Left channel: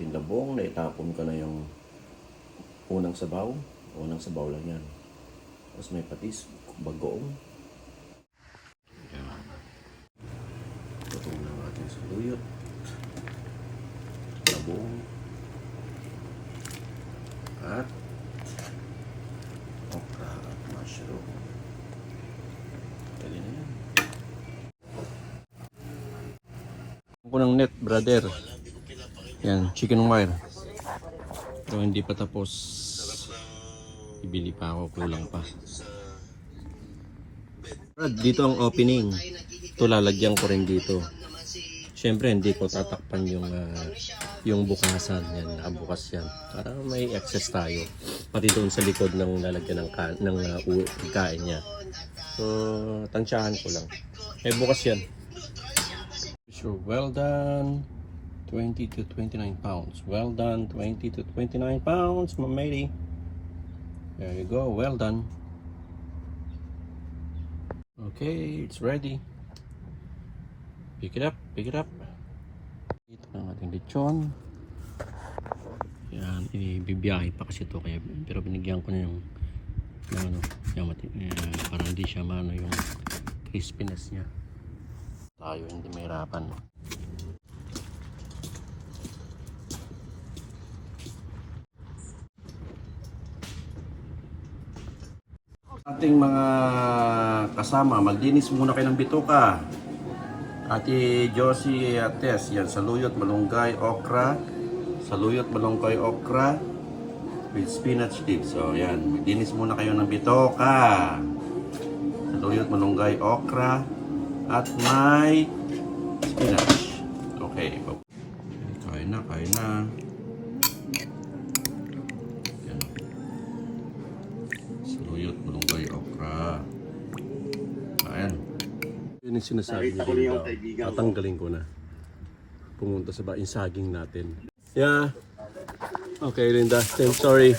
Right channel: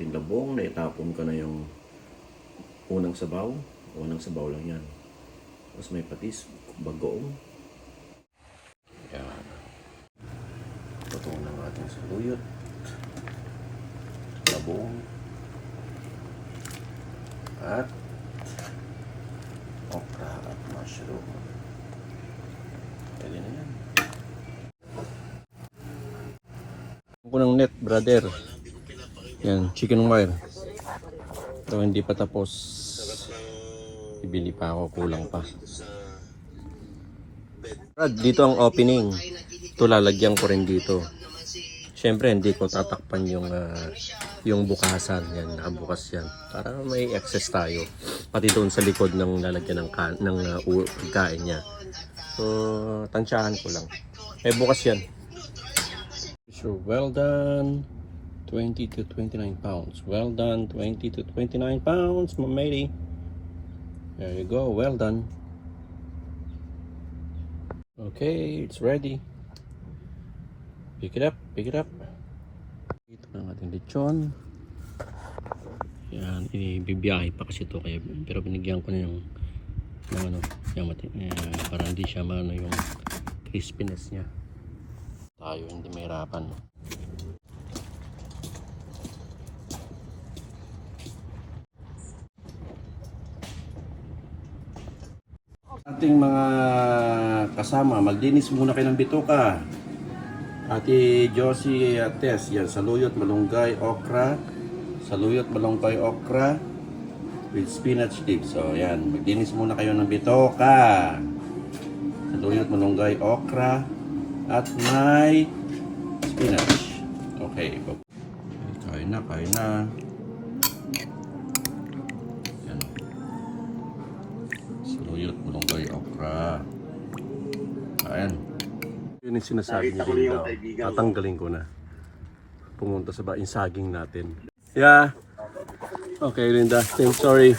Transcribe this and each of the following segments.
ating labong. Naitapon ko na yung unang sabaw. Unang sabaw lang yan. Tapos may patis, bagoong. Yan. Tutong ng ating saluyot. Labong. At okra at mushroom. Pwede na yan. Ako ng net, brother. Yan, chicken wire. Pero hindi pa tapos. Ibili pa ako, kulang pa. Dito ang opening. Ito lalagyan ko rin dito. Siyempre hindi ko tatakpan yung bukasan. Yan, nakabukas yan. Para may access tayo. Pati doon sa likod ng lalagyan ng pagkain niya. So, tansyahan ko lang. Eh, bukas yan. So, well done. 20 to 29 pounds. Well done. 20 to 29 pounds, my matey. There you go. Well done. Okay, it's ready. Pick it up. Pick it up. Ito na ating lechon. Yan, ibibiyahe pa kasi ito. Kaya, pero binigyan ko na yung para hindi siya yung crispiness niya. Tayo hindi mahirapan. Ating mga kasama, maglinis muna kayo ng bituka. Ate Josie at Tess, yan, saluyot, malunggay, okra. Saluyot, malunggay, okra with spinach tips. So yan, maglinis muna kayo ng bituka. Saluyot, malunggay, okra at may spinach. Okay. Kain na, kain na. Yan. Saluyot, malunggay, okra. Kain. Yun yung sinasabi niya din daw. Tatanggalin ko na. Pumunta sa yung saging natin. Yeah. Okay, Linda. I'm sorry.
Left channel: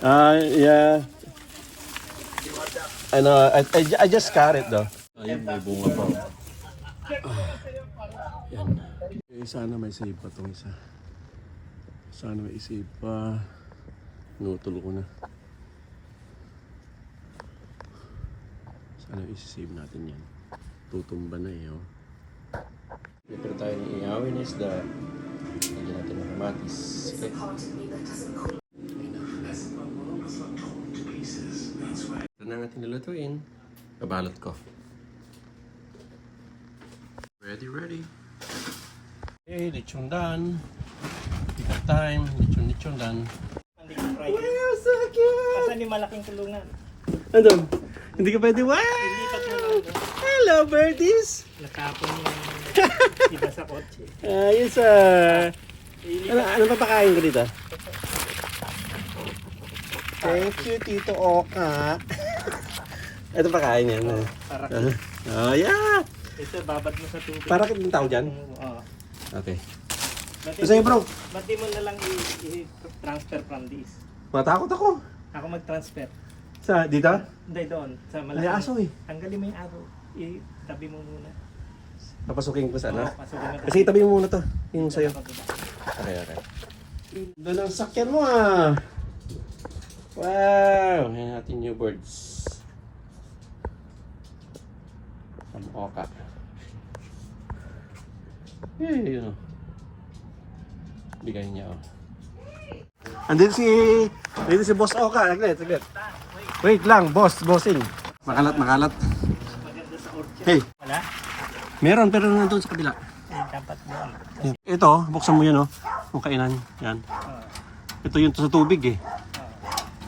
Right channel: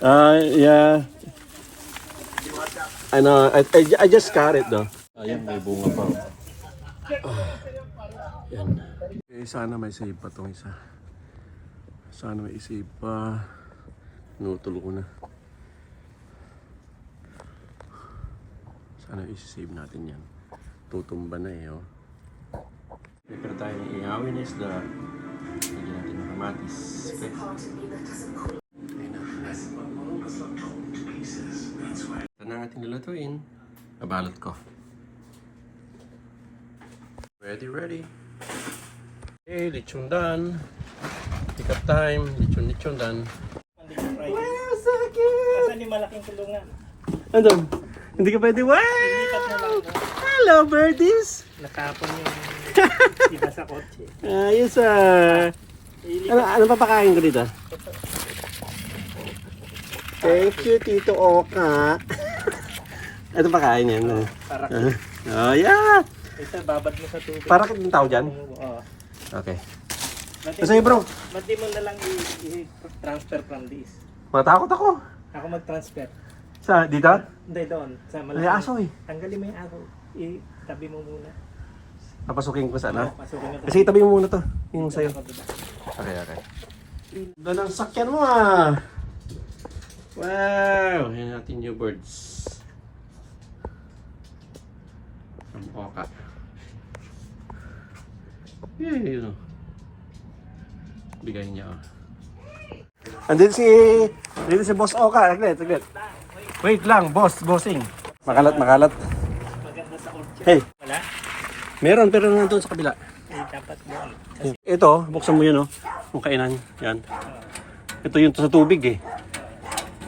Yeah. I know. I just got it though. Ayun, may bunga pa. Yan. Okay, sana may save pa itong isa. Sana may save pa. Nutulo ko na. Sana isi-save natin yan. Tutumba na eh, oh. Dito tayo ng ihawin is the lagyan natin ng kamatis. Okay. Ito na ang ating lulutuin. Babalot ko. Ready. Okay, lechon done. Pick up time. Lechon done. Wow, sakit! Asan yung malaking tulungan? Ano? Hindi ka pwede, what? Ilipat mo lang. Hello, birdies! Nakapon yung iba sa kotse. Ayos ano papakain ko dito? Thank you, Tito Oka. Ito pakain yan. Para Oh, yeah! ito, babad mo sa tubig. Para kitang tao dyan? Oo. Okay. Basta Sa'yo, bro? Ba't di mo na lang i-transfer from this? Matakot ako. Ako mag-transfer. Sa dito? Hindi doon. Sa May aso eh. Tanggalin mo yung araw. Itabi mo muna. Papasukin ko sa ano? Oo, pasukin mo. Kasi itabi mo muna to. Yung sa'yo. Kabila. Okay. Ganda ng sakyan mo ah. Wow! Yan natin new birds. From Oka. Yun. Bigay niya oh. Andito si Boss Oka. Saglit. Wait lang, bossing. Makalat. Maganda sa orchard. Hey, Wala? meron pero nandun sa kabila. Dapat doon. Ito, buksan mo yun oh. Yung kainan. Yan. Ito yung sa tubig eh.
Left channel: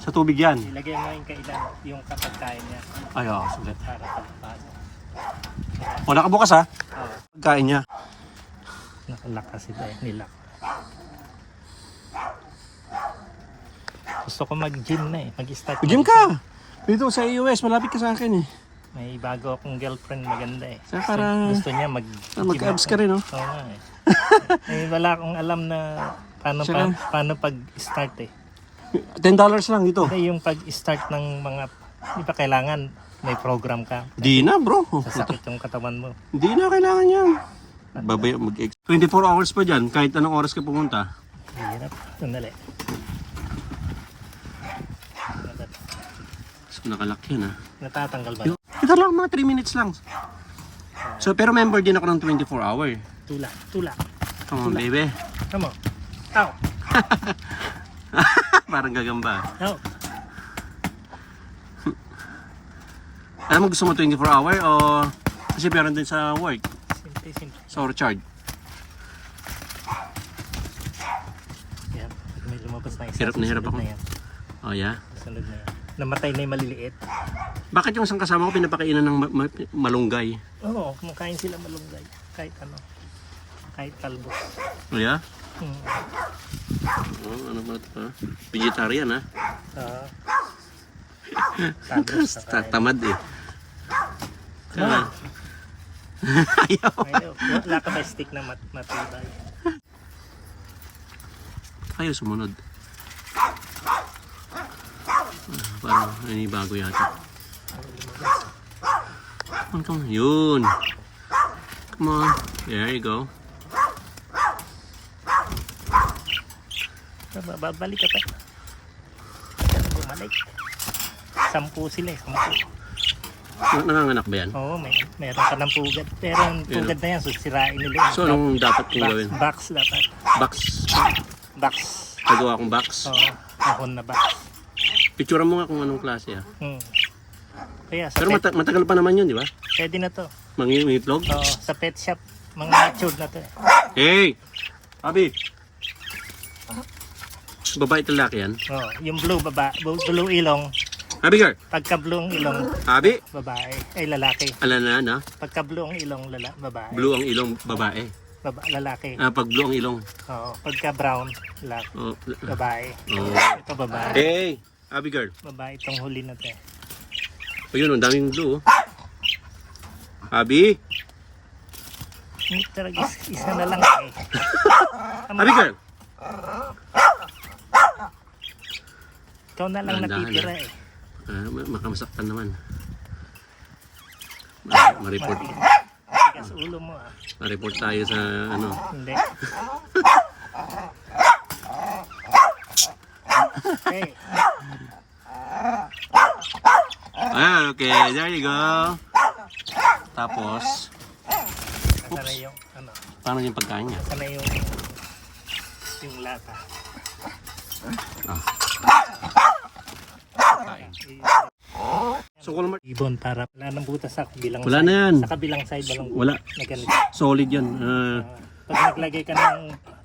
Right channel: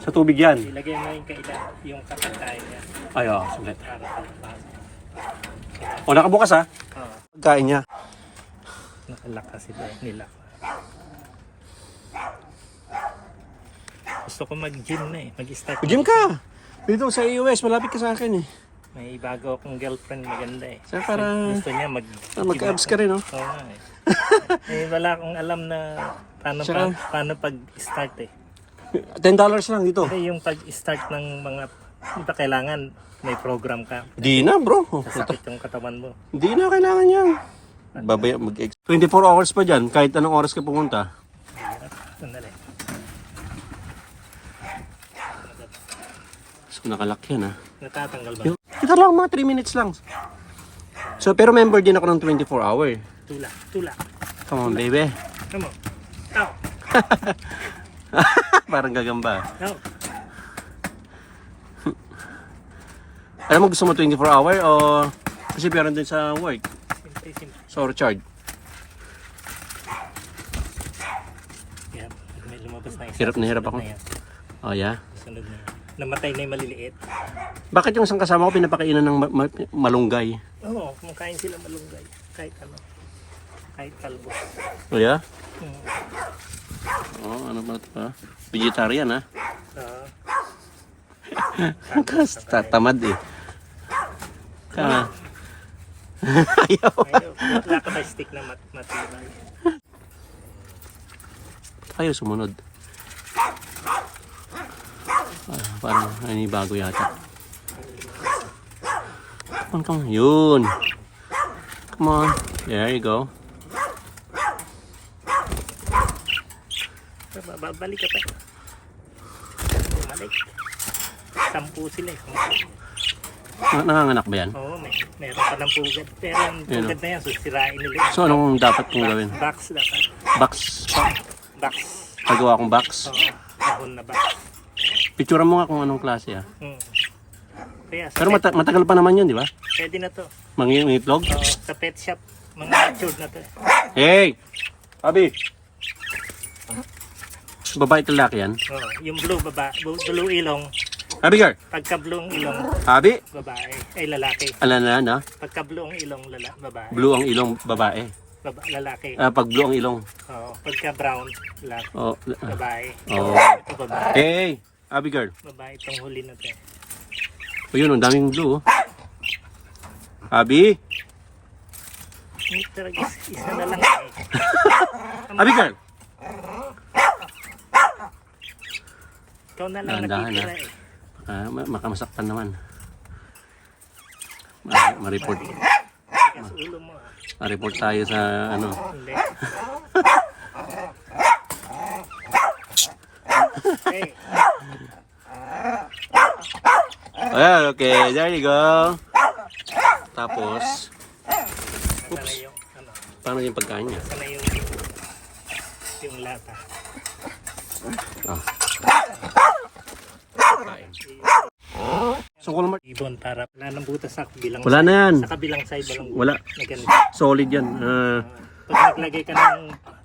Sa tubig yan. Ilagay mo yung kailan, yung kapagkain niya. Ay, saglit. Para kapag. O, nakabukas ha. Pagkain niya. Nakalakas ito nila. Gusto ko mag-gym na eh. Mag-start. Gym ka! Dito sa US, malapit ka sa akin eh. May bago akong girlfriend maganda eh. Saka para Gusto niya mag-abs ka rin no? Oo nga eh. Eh, wala akong alam na paano pag-start eh. $10 lang dito. Hindi yung pag-start ng mga, di ba kailangan may program ka. Di na bro. Sasakit yung katawan mo. Hindi na kailangan yan. Babaya mag 24 hours pa dyan, kahit anong oras ka pumunta. Hirap. Sandali. So, nakalak yan ha. Natatanggal ba? Ito lang, mga 3 minutes lang. So, pero member din ako ng 24 hour. Tula. Come on, baby. Come on. Oh. Parang gagamba. Oh. Alam mo, gusto mo 24 hour o kasi meron din sa work? Simple. So, recharge. Yan. Pag may lumabas na isa. Hirap na hirap ako. susunod na yan. Oh, yeah? Susunod na yan. Namatay na yung maliliit. Bakit yung isang kasama ko pinapakainan ng malunggay? Oo, makain sila malunggay. Kahit ano. Kahit kalbo. Oh, yeah? Hmm. Oh, ano ba ito ha? Vegetarian ha? Oo. Tatamad eh. Ayaw. Wala ka na stick na matibay. Ayaw sumunod. Parang bago yata. Come on. Yun. Come on. There you go. Babalik ka pa. Babalik. 10 sila eh. 10. Nanganganak ba yan? Oo, meron pa ng pugad. Pero ang pugad na yan, susirain nila. So anong dapat kong gawin? Box dapat. Box. Box. Nagawa akong box. Oo, kahon na box. Picture mo nga kung anong klase ha. Kaya sa Pero matagal pa naman yun, di ba? pwede na to. Mangingitlog? Oo, sa pet shop, mga matured na to. Hey! Abi! Babae talaki yan? Oo, yung blue ilong. Abi girl! Pagka blue ang ilong, Abi! babae. Ay, lalaki. Alanan ha? Pagka blue ang ilong, babae. Blue ang ilong babae. Lalaki. Pag blue ang ilong. Oo, pagka brown, lalaki. Oh. Babae. Oh. Ito babae. Hey! Abi girl! Babae itong huli na to. Ayun, ang daming blue. Abi! Hindi talaga isa na lang eh. Abi girl! Ikaw na lang Dahan-dahan natitira eh. Makamasaktan naman. Ma-report. Tigas ulo mo ah. Ma-report tayo sa ano. Hindi. Hey, Ayan, okay. There you go. Tapos, sana yung ano, paano yung pagkain niya? sana yung lata. Ah. So, kung Ibon para wala nang butas sa kabilang wala side. na yan. Sa kabilang side walang Wala. na ganito. Solid yan. Pag naglagay ka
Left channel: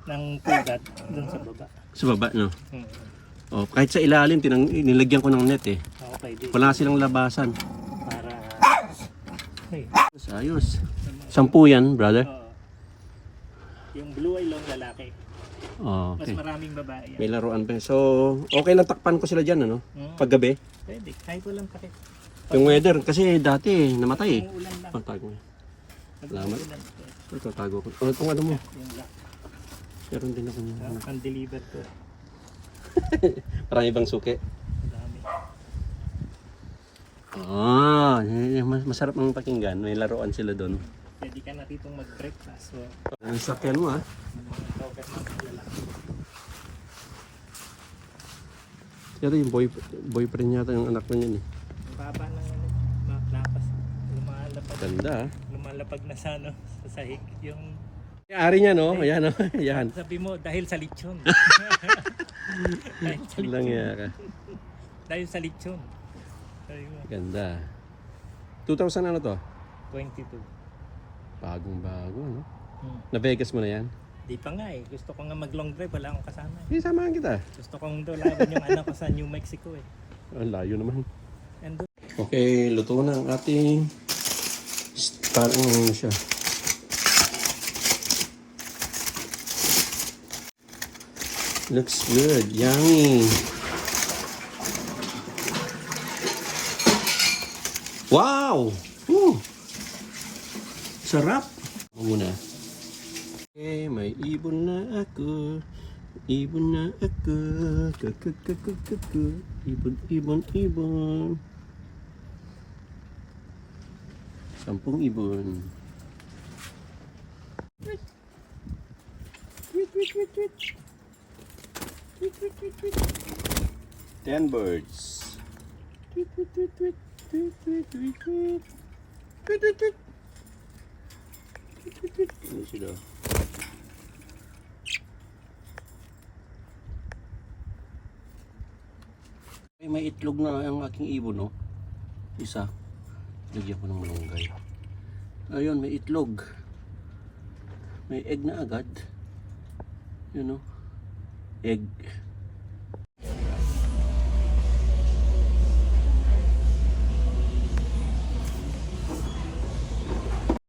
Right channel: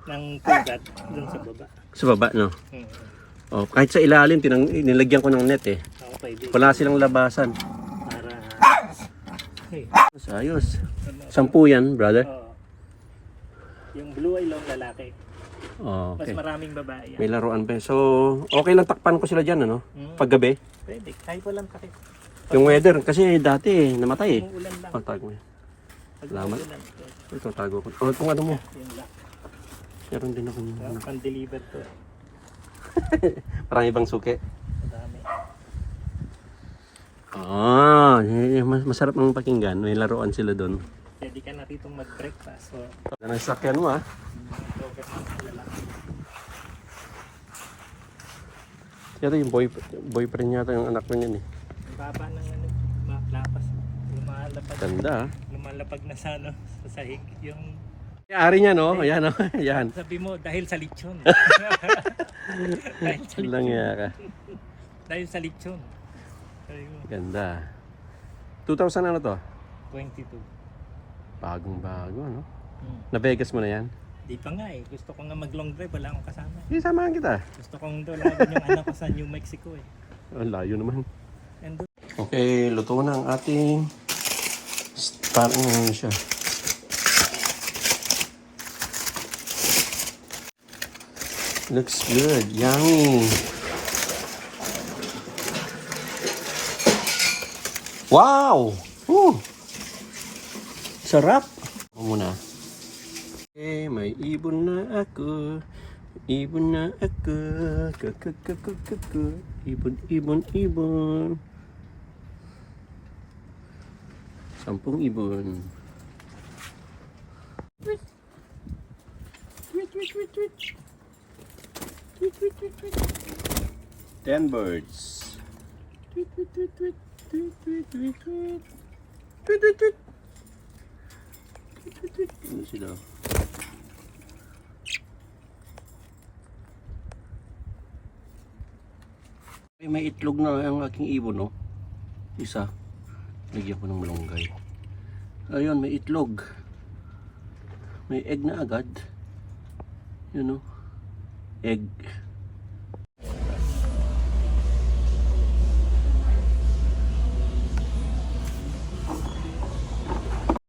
ng pugad dun sa baba. Sa baba, no? Hmm. Oh, kahit sa ilalim, nilagyan ko ng net eh. Okay, di. Wala silang labasan. Para hey, Ayos. 10 yan, brother. yung blue ay long lalaki. Oh, Mas okay. maraming babae yan. May laruan pa. So, okay lang takpan ko sila dyan, ano? Paggabi. Pwede, kahit walang takip. Yung weather, kasi dati namatay eh. Yung ulan lang. Oh, tago mo yan. Pag Salamat. ulan, Ito, tago ko. Oh, kung ano mo. yung lock. Meron din ako yung ano. Pan-deliver to. Parang ibang suki. Madami. Masarap ng pakinggan. May laruan sila doon. Pwede ka na ditong mag-breakfast. So, Ang sakyan mo ah. lover ng lalaki. Pero yung boyfriend yata yung anak mo yun eh. Ang baba ng ano, lapas. Lumalapag. Ganda ah. Lumalapag na sa ano, sa sahig. Yung Ari niya no? Ayan no? Ayan. sabi mo, dahil sa lechon. dahil sa Lang lechon. ka. Dahil sa lechon. Sabi mo, Ganda. 2000 ano to? 22. Bagong bago no? Hmm. Na Vegas mo na yan? Di pa nga eh. Gusto ko nga mag-long drive. Wala akong kasama. Hindi, samahan kita. Gusto kong dolagan yung anak ko sa New Mexico eh. Ang layo naman. And doon, Okay, luto na ang ating parang ano siya. Looks good. Yummy. Wow! Sarap! Ako muna. Okay, may ibon na ako. Ibon na ako. Ibon, ibon, ibon. 10 ibon. 10 birds. Ano sila? May itlog na ang aking ibon, no? Isa. Lagyan ko ng malunggay. Ayun, may itlog. May egg na agad. Yun, no? Egg.